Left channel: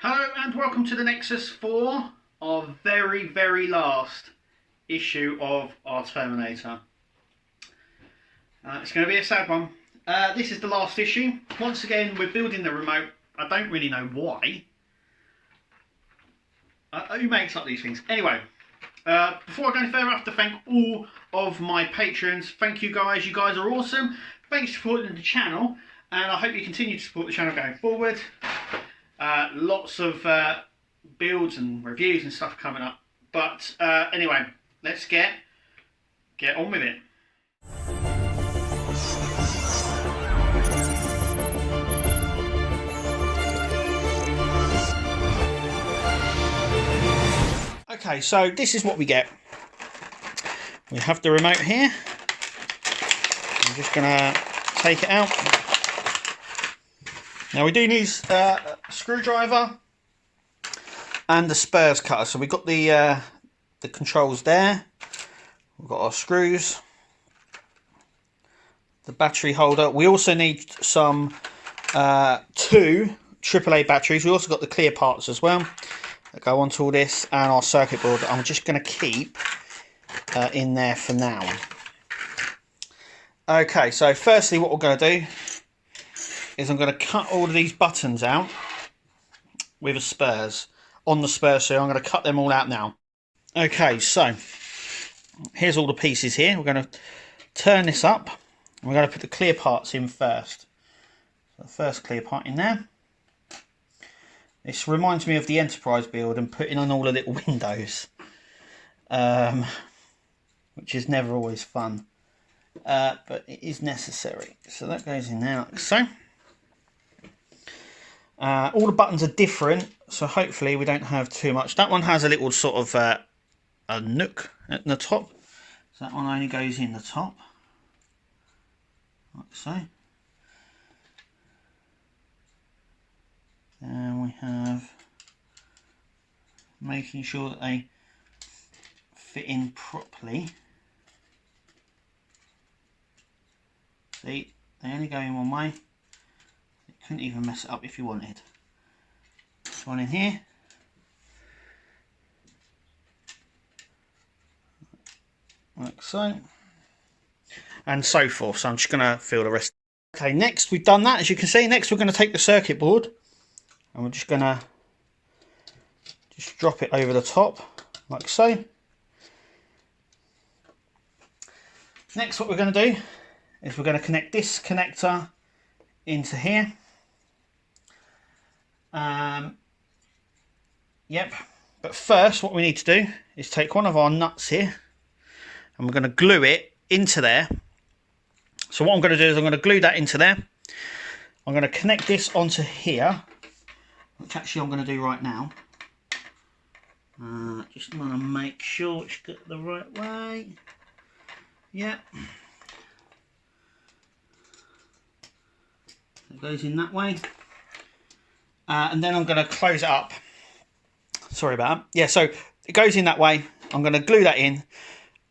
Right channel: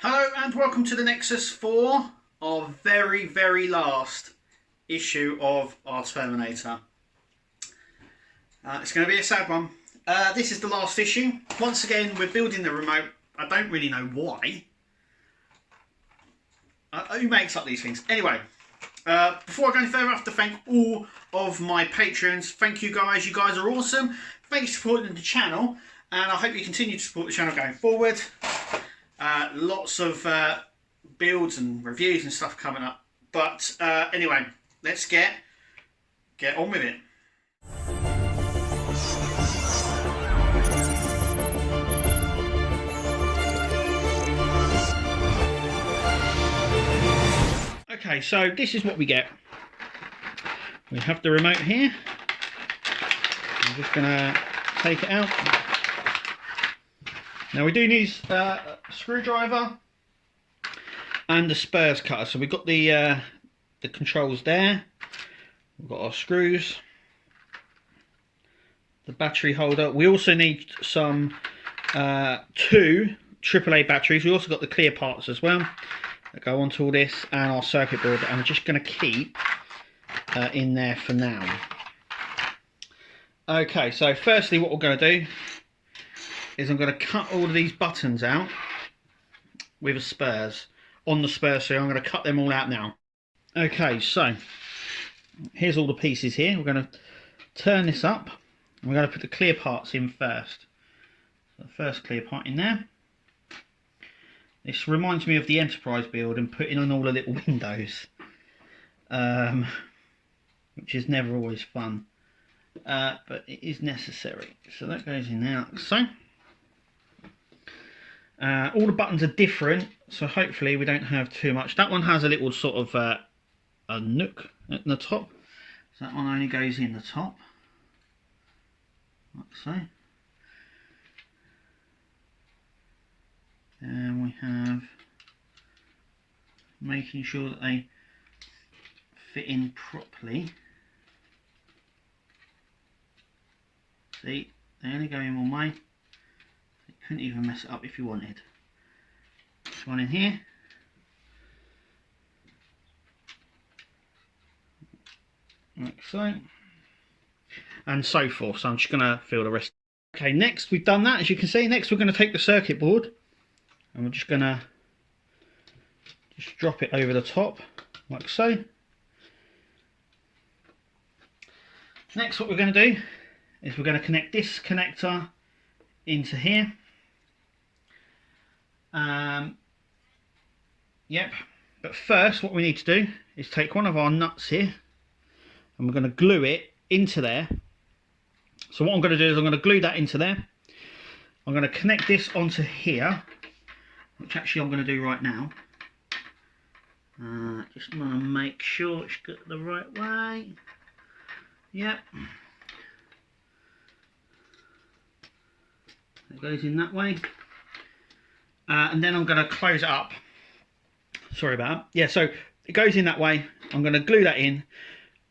Hello and welcome to the Nexus 4, our very last issue of our Terminator. It's going to be a sad one. This is the last issue. Once again, we're building the remote. I don't really know why. Who makes up these things? Anyway, before I go any further, I have to thank all of my patrons. Thank you guys. You guys are awesome. Thanks for supporting the channel, and I hope you continue to support the channel going forward. Lots of builds and reviews and stuff coming up. But anyway, let's get on with it. Okay, so this is what we get. We have the remote here. I'm just going to take it out. Now we do need a screwdriver and the spurs cutter. So we've got the controls there. We've got our screws, the battery holder. We also need some 2 AAA batteries. We also got the clear parts as well that go onto all this, and our circuit board that I'm just going to keep in there for now. Okay, so firstly what we're going to do is I'm going to cut all of these buttons out with a spurs, on the spurs, so I'm going to cut them all out now. Okay, so here's all the pieces here. We're going to turn this up. We're going to put the clear parts in first. So the first clear part in there. This reminds me of the Enterprise build and putting on all the little windows, which is never always fun, but it is necessary. So that goes in there like so. All the buttons are different, so hopefully we don't have too much. That one has a little sort of a nook at the top, so that one only goes in the top, like so. And we have making sure that they fit in properly. See, they only go in one way. You couldn't even mess it up if you wanted. This one in here. Like so. And so forth. So I'm just going to fill the rest. Okay, next we've done that, as you can see. Next we're going to take the circuit board and we're just going to drop it over the top like so. Next what we're going to do is we're going to connect this connector into here. Yep, but first what we need to do is take one of our nuts here and we're going to glue it into there. So what I'm going to do is I'm going to glue that into there. I'm going to connect this onto here, which actually I'm going to do right now. Just want to make sure it's got the right way. Yep. It goes in that way. And then I'm going to close it up. Sorry about that. Yeah, so it goes in that way. I'm going to glue that in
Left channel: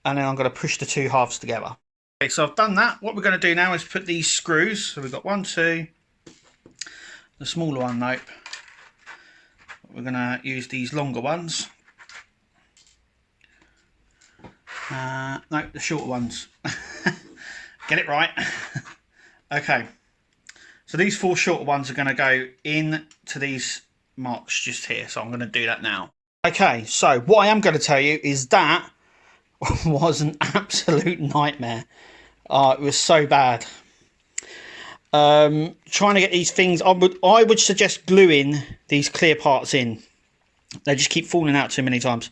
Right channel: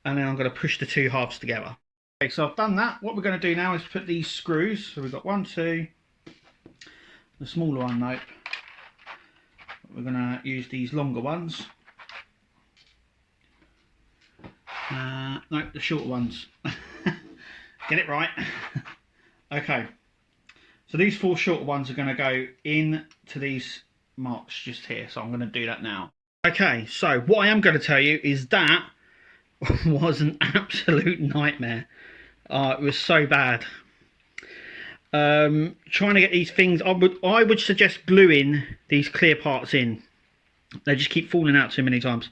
and then I'm going to push the 2 halves together. Okay, so I've done that. What we're going to do now is put these screws. So we've got 1, 2, the smaller one, nope. We're going to use these longer ones. No, the shorter ones. Get it right. Okay. So these 4 shorter ones are going to go into these marks just here. So I'm going to do that now. Okay, so what I am going to tell you is that was an absolute nightmare. It was so bad. Trying to get these things, I would suggest gluing these clear parts in. They just keep falling out too many times.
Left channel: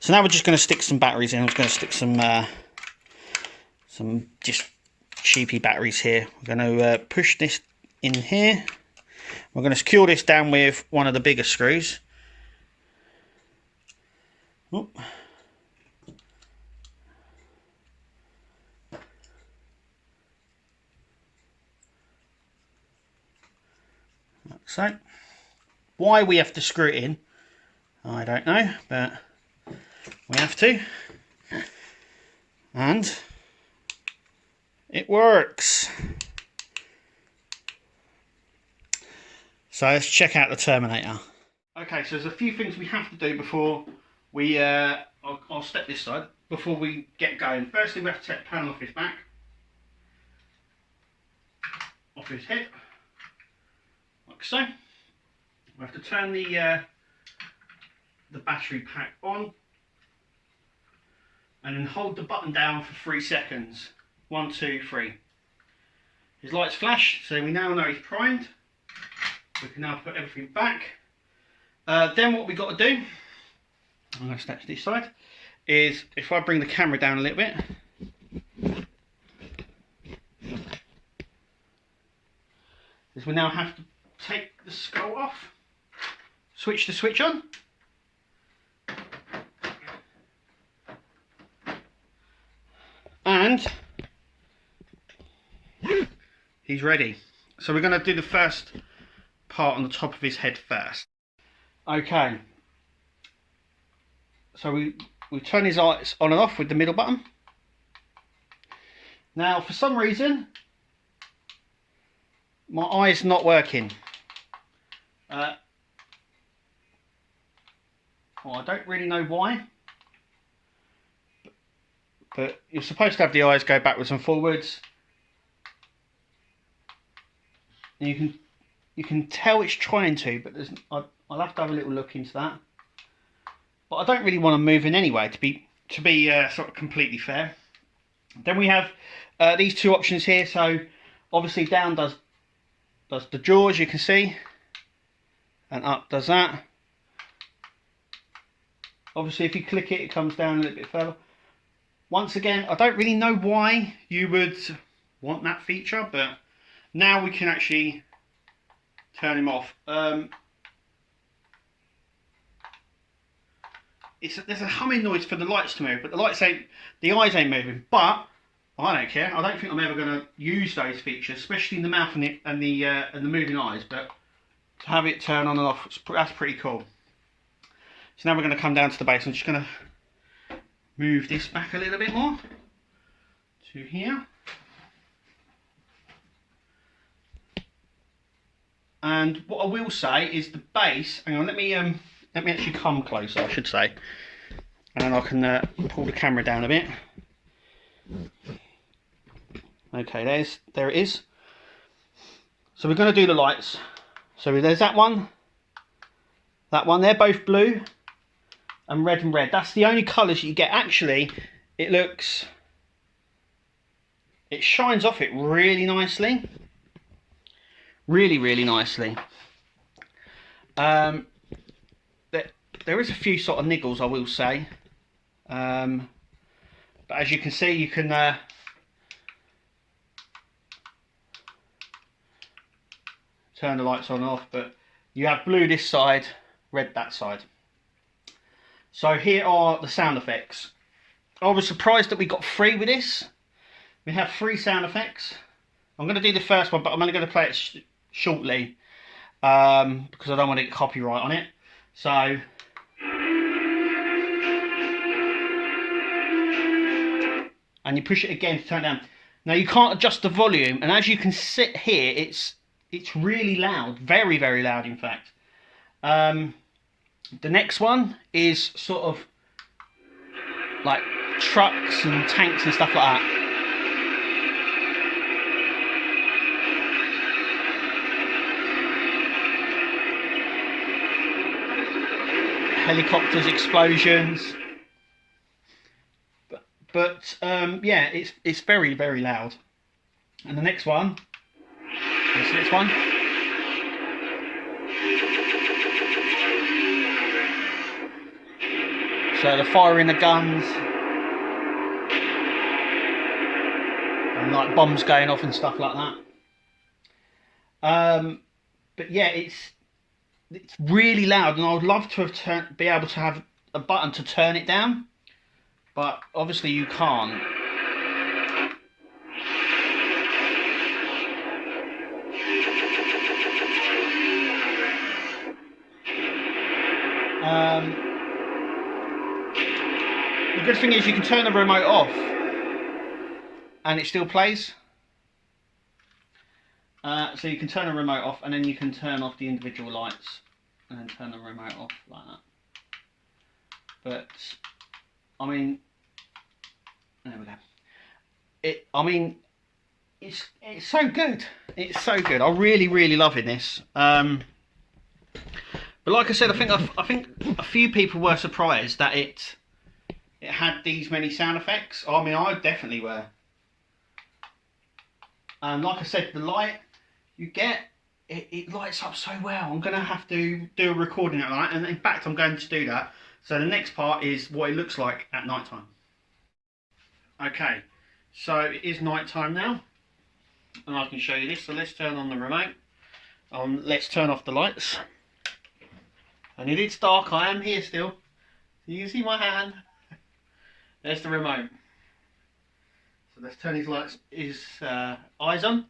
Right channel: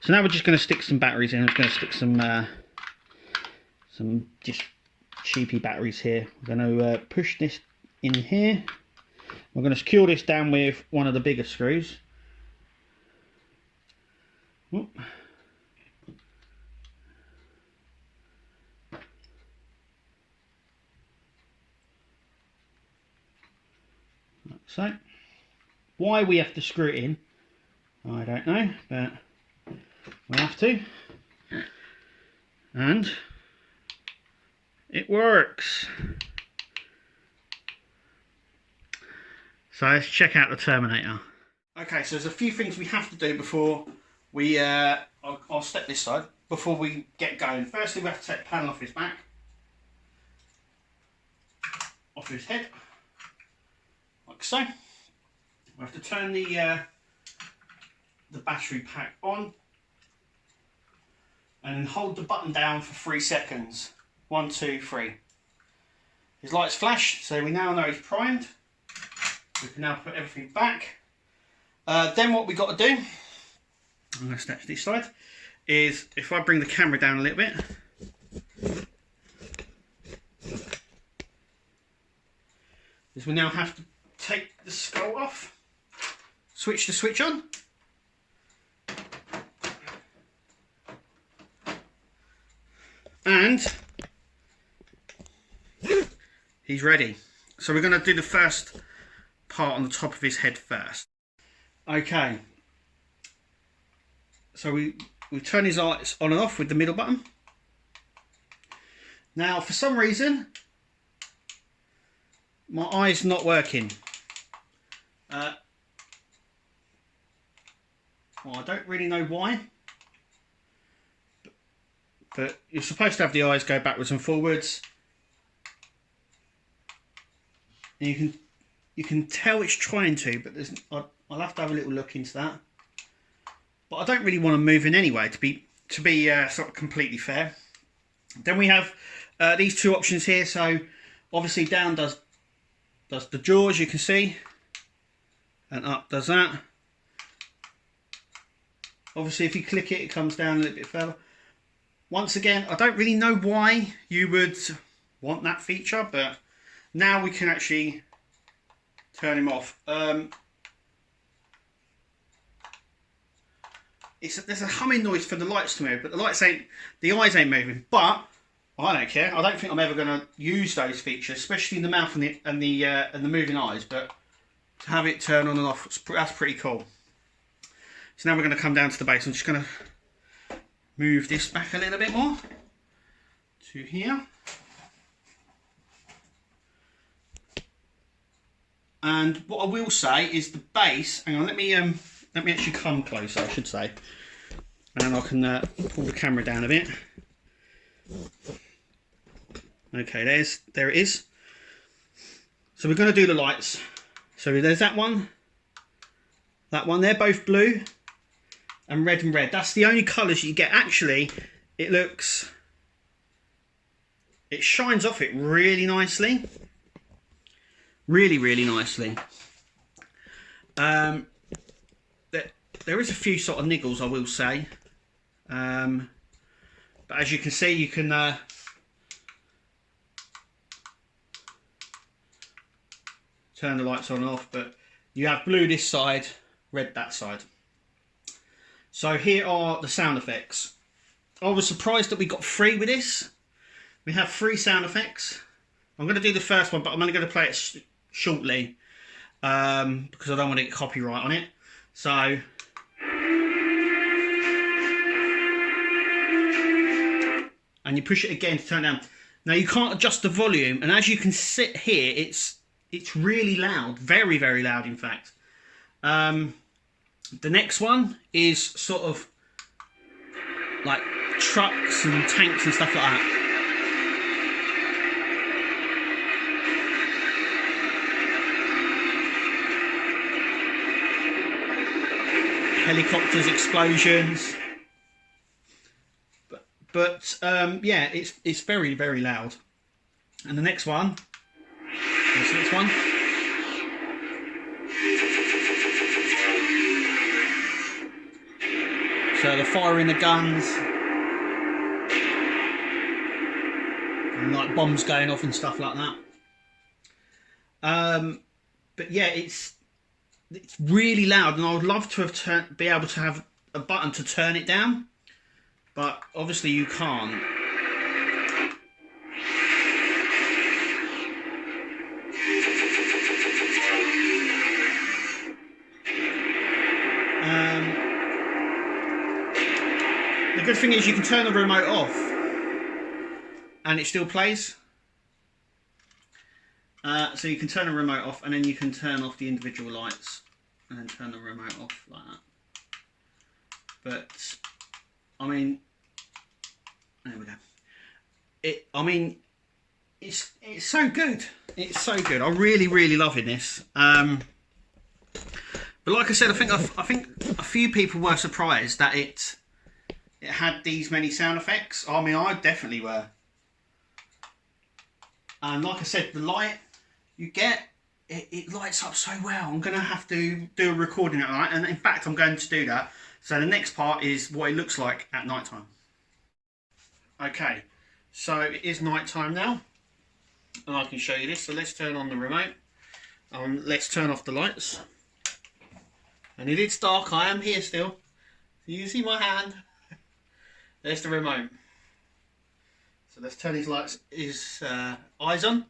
So now we're just going to stick some batteries in. I'm just going to stick some just cheapy batteries here. We're going to push this in here. We're going to secure this down with one of the bigger screws. Oop. Like so. Why we have to screw it in, I don't know, but we have to. And it works. So let's check out the Terminator. Okay, so there's a few things we have to do before we, I'll step this side, before we get going. Firstly, we have to take the panel off his back, off his head, like so. We have to turn the battery pack on, and then hold the button down for 3 seconds. 1, 2, 3. His lights flash, so we now know he's primed. We can now put everything back. Then what we've got to do, and let's step to this side, is if I bring the camera down a little bit, is we now have to take the skull off, switch the switch on, and he's ready. So we're going to do the first part on the top of his head first. Okay, so we turn his lights on and off with the middle button. Now for some reason my eye's not working. Well, I don't really know why, but you're supposed to have the eyes go backwards and forwards. And you can tell it's trying to, but I'll have to have a little look into that. But I don't really want to move in anyway, to be sort of completely fair. Then we have these two options here. So obviously down does the jaws, you can see, and up does that. Obviously if you click it, it comes down a little bit further. Once again, I don't really know why you would want that feature, but now we can actually turn him off. There's a humming noise for the lights to move, but the eyes ain't moving. But I don't care. I don't think I'm ever going to use those features, especially in the mouth and the moving eyes. But to have it turn on and off, that's pretty cool. So now we're going to come down to the base. I'm just going to move this back a little bit more to here. And what I will say is the base. Hang on, let me actually come closer, I should say, and then I can pull the camera down a bit. Okay, there it is. So we're going to do the lights. So there's that one. They're both blue and red and red. That's the only colours you get. Actually, it shines off it really nicely. Really, really nicely. There is a few sort of niggles, I will say. But as you can see, you can turn the lights on and off, but you have blue this side, red that side. So here are the sound effects. I was surprised that we got 3 with this. We have 3 sound effects. I'm going to do the first one, but I'm only going to play it shortly because I don't want to get copyright on it. So and you push it again to turn it down. Now you can't adjust the volume, and as you can see here, it's really loud, very, very loud in fact. The next one is sort of like trucks and tanks and stuff like that. Helicopters, explosions, but yeah, it's very, very loud. And the next one, this next one, so they're firing the guns and like bombs going off and stuff like that. But yeah, it's really loud, and I would love to have be able to have a button to turn it down, but obviously you can't. The good thing is you can turn the remote off and it still plays. So you can turn the remote off, and then you can turn off the individual lights and then turn turn the remote off like that. But I mean, there we go. I mean, it's so good. It's so good. I'm really loving this. But like I said, I think a few people were surprised that it had these many sound effects. I mean, I definitely were. And like I said, the light you get, it lights up so well. I'm going to have to do a recording at night, and in fact I'm going to do that. So the next part is what it looks like at night time. Okay, so it is night time now, and I can show you this. So let's turn on the remote. Let's turn off the lights. And it is dark, I am here still. You can see my hand. There's the remote. So let's turn his eyes on.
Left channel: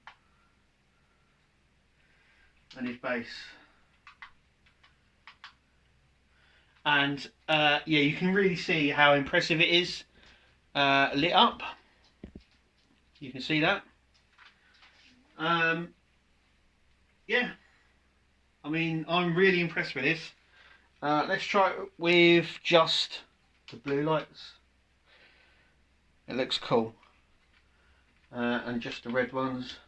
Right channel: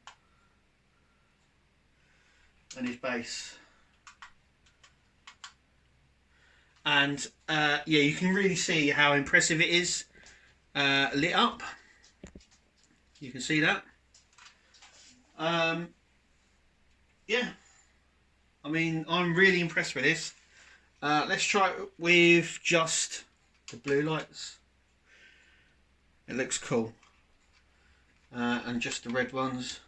And his base. And yeah, you can really see how impressive it is lit up. You can see that. Yeah, I mean, I'm really impressed with this. Let's try it with just the blue lights. It looks cool. And just the red ones.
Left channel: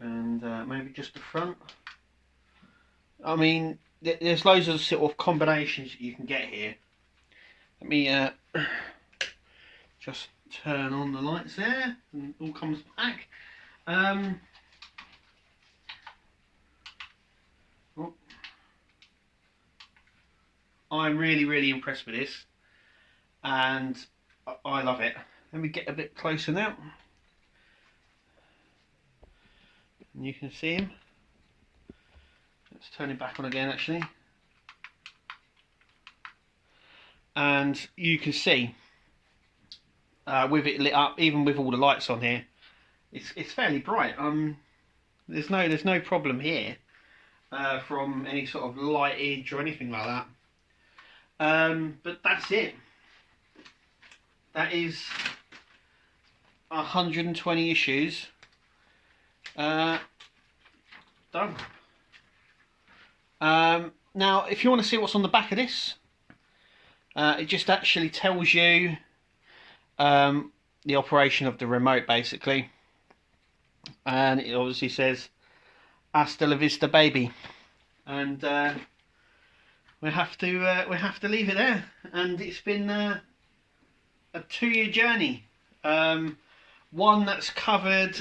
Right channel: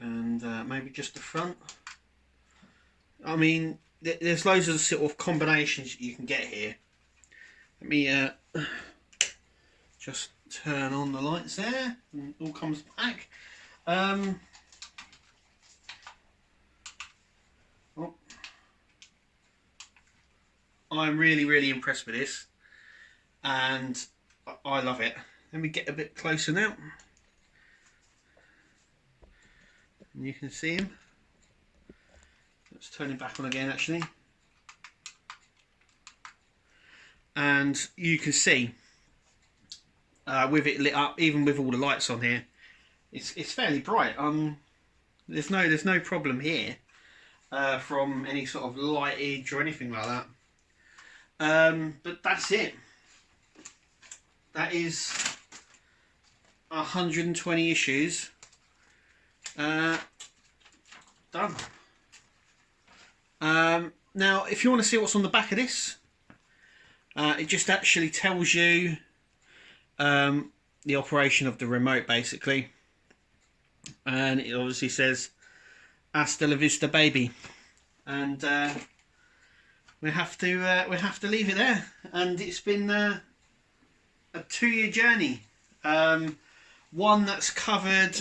And maybe just the front. I mean, there's loads of sort of combinations you can get here. Let me just turn on the lights there, and it all comes back. Oh. I'm really impressed with this, and I love it. Let me get a bit closer now. And you can see him. Let's turn it back on again actually. And you can see with it lit up, even with all the lights on here, it's fairly bright. There's no problem here from any sort of lightage or anything like that. But that's it. That is 120 issues done. Now, if you want to see what's on the back of this, it just actually tells you the operation of the remote, basically, and it obviously says "Hasta la vista, baby," and we have to leave it there. And it's been a 2-year journey, one that's covered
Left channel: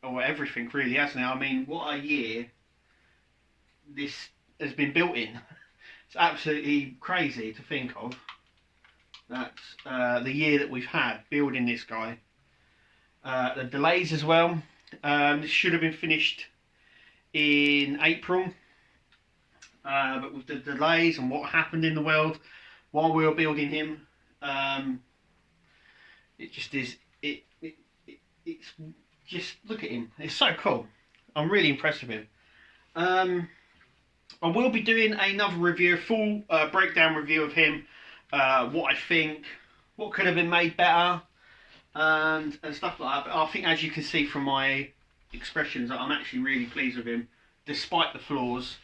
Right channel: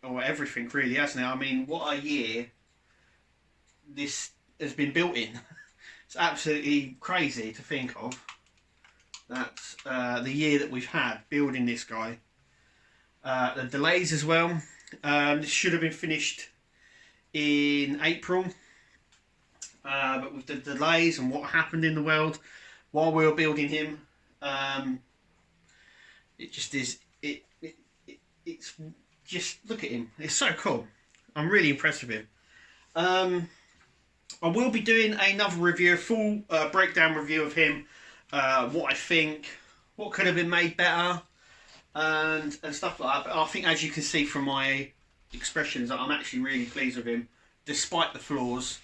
or everything really, hasn't it? I mean, what a year this has been built in. It's absolutely crazy to think of that the year that we've had building this guy. The delays as well. This should have been finished in April, but with the delays and what happened in the world while we were building him, it just is. It's just, look at him. It's so cool. I'm really impressed with him. I will be doing another review, a full breakdown review of him, what I think, what could have been made better, and stuff like that. But I think, as you can see from my expressions, I'm actually really pleased with him, despite the flaws.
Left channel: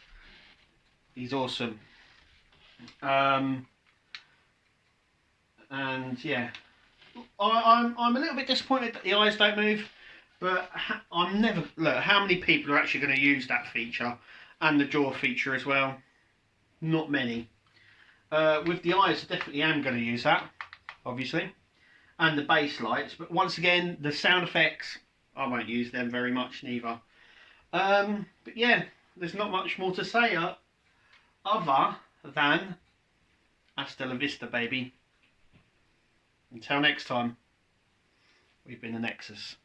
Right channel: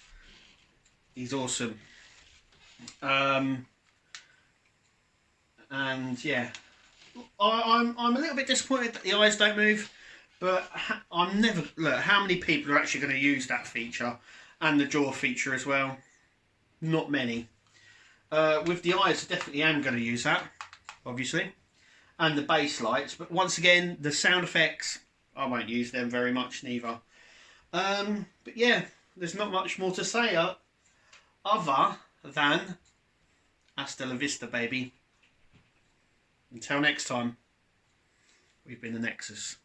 He's awesome. And yeah, I'm a little bit disappointed that the eyes don't move, but I'm never, look, how many people are actually going to use that feature and the jaw feature as well? Not many. With the eyes, I definitely am going to use that, obviously, and the base lights. But once again, the sound effects, I won't use them very much neither. But yeah, there's not much more to say other than hasta la vista, baby. Until next time, we've been the Nexus.